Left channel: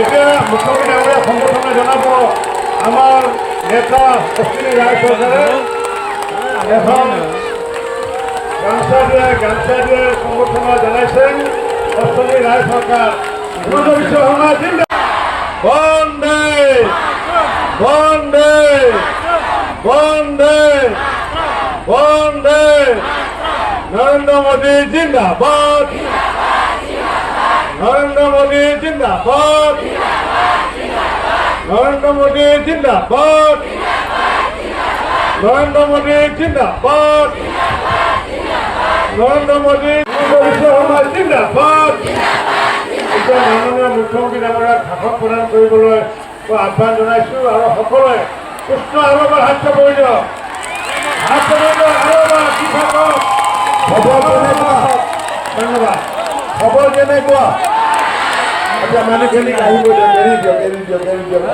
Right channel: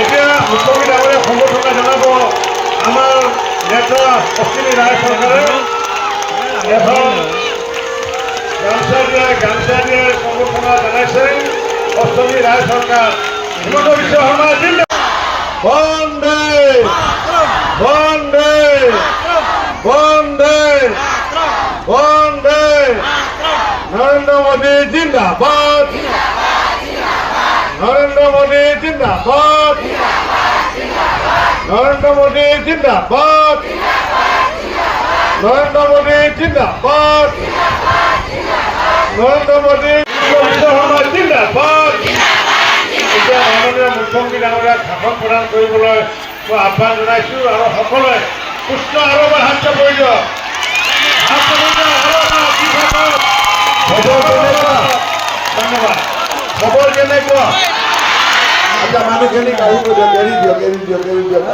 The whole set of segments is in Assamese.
এতিয়া মুখ্যমন্ত্ৰী ডাঙৰীয়া সম্বৰ্ধনা জনাব আমাৰ নেতা অশ্বিনী ৰায় চৰকাৰে এখন গামছা দিয়ে সম্বৰ্ধনা জনাইছে অশ্বিনী ৰায় চৰকাৰ। হিমন্ত বিশ্ব শৰ্মা বন্দে বন্দে বন্দে বন্দে নরেন্দ্র মোদী জিন্দাবাদ নরেন্দ্র মোদী জিন্দাবাদ নরেন্দ্র মোদী জিন্দাবাদ নরেন্দ্র মোদী জিন্দাবাদ নরেন্দ্র মোদী জিন্দাবাদ। এতিয়া মাননীয় মুখ্যমন্ত্ৰী ডাঙৰীয়াক ভাষণ প্ৰদান কৰিবলৈ মই আহ্বান জনাইছোঁ আৰু সকলোৱে কৃষ্ণ আৰু এবাৰ হাত কৰি দিয়ক। খবৰ কেনেকুৱা? ধন্যবাদ। খবৰ কেনেকুৱা? আচ্ছা মানুহখিনিক আহিব দিয়ক, এৰি দিয়ক এৰি দিয়ক এৰি দিয়ক।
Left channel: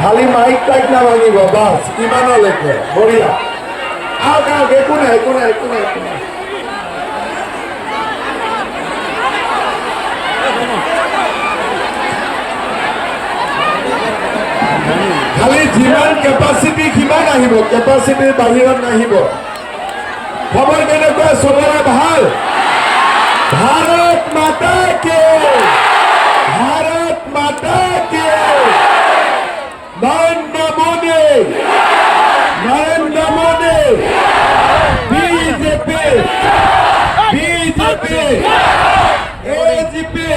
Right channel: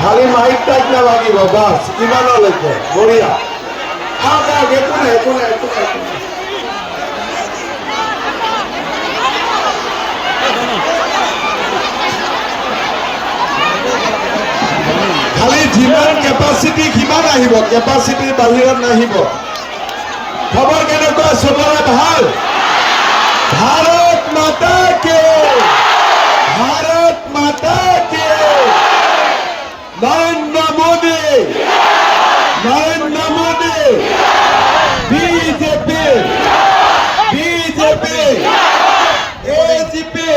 খালি মাইক টাইক নালাগিব বাছ ইমানলৈকে বঢ়িয়া। আহক আহক একো নাই একো নাই একো নাই একো নাই। খালি যিমান কেপাচিটি সিমান আহিব, কেপাচিটিৰ বাহিৰত নাহিব। খবৰ কেনেকুৱা? চবৰে ভাল? ভাৰত মাতা কে ভাৰত মাতা কে Narendra Modi Narendra Modi BJP BJP AGP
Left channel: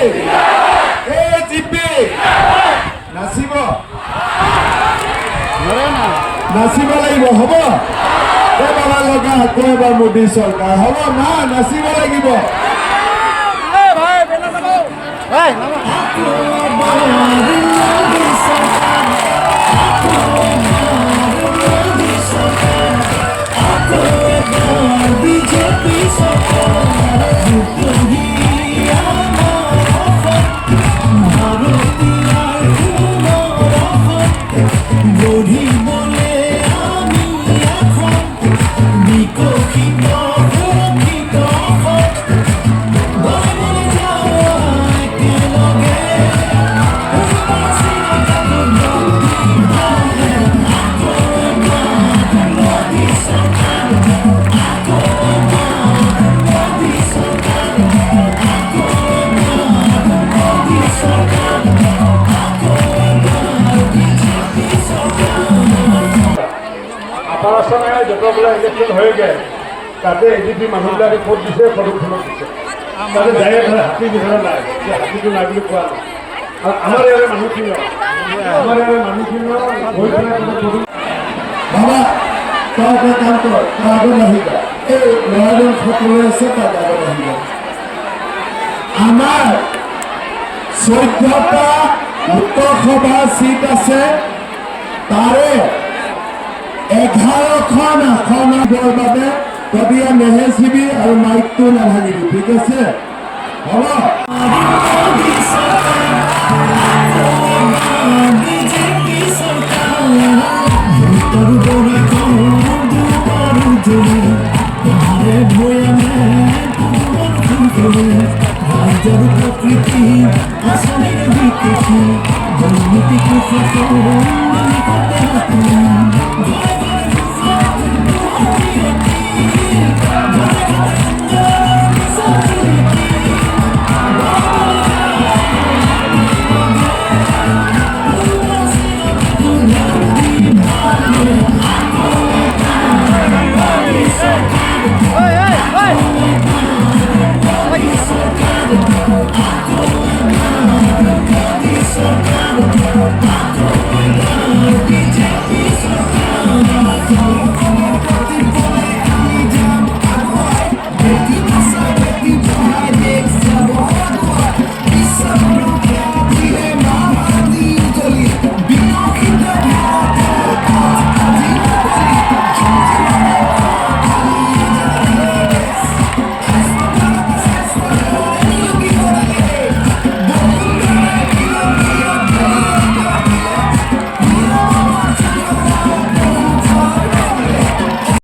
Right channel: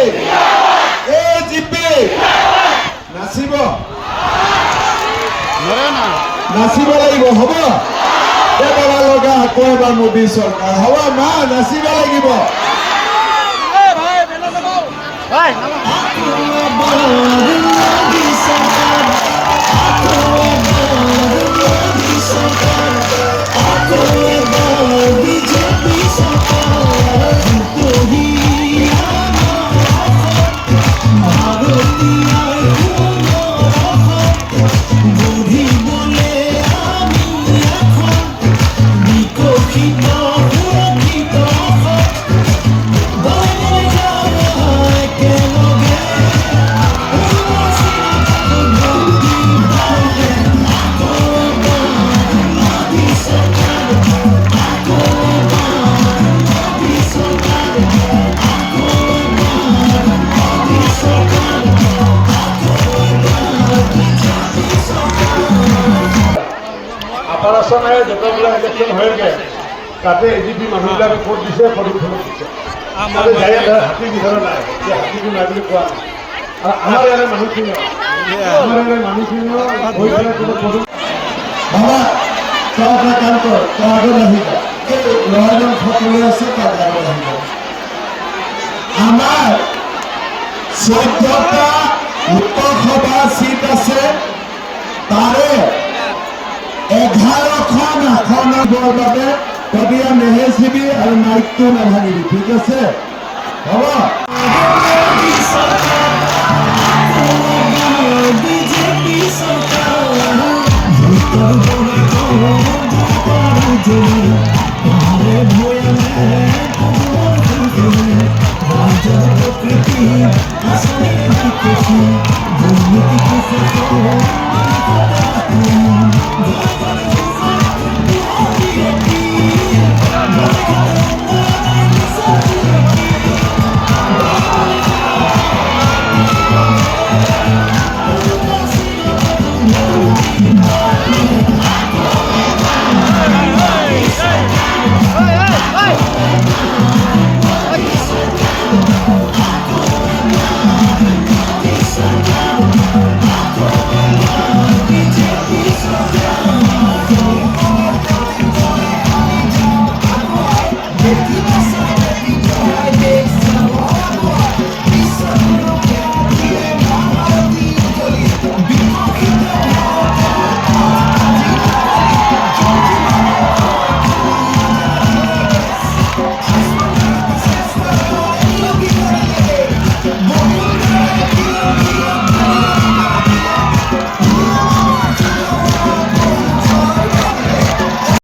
AGP নাচিব নাচিব লাগিব। হ'ব এবাৰ লগা আকৌ এবাৰ মোদী চৰকাৰ হ'ব মা নাচিব লাগিব। আপাৰ আছামে যতবিলাক ইলেকশ্যন হয়গৈ তাতে এজিপি মানুহবিলাকে ভোট দিছে, ফটোত দিছে। তাতে যায় ধৰে হাতী বিধান নাই, হাতীটো নাই বুলি কোৱা নাই। আৰু আমাৰ ইয়াৰে মানুহখিনিও বাবা তই এটা কাম কৰ, তই আগত আহিব। এই ল'ৰাজন ফটো আছে তাত আগত আহিব। আমাৰ 14টা লোকসভা চিট আছে, তাৰে 11খন আসনৰ বাবে তবিয়া নেহেচিবি আৰু মাইকটো নাভাঙিবি, ঠিক আছে? হ'ব।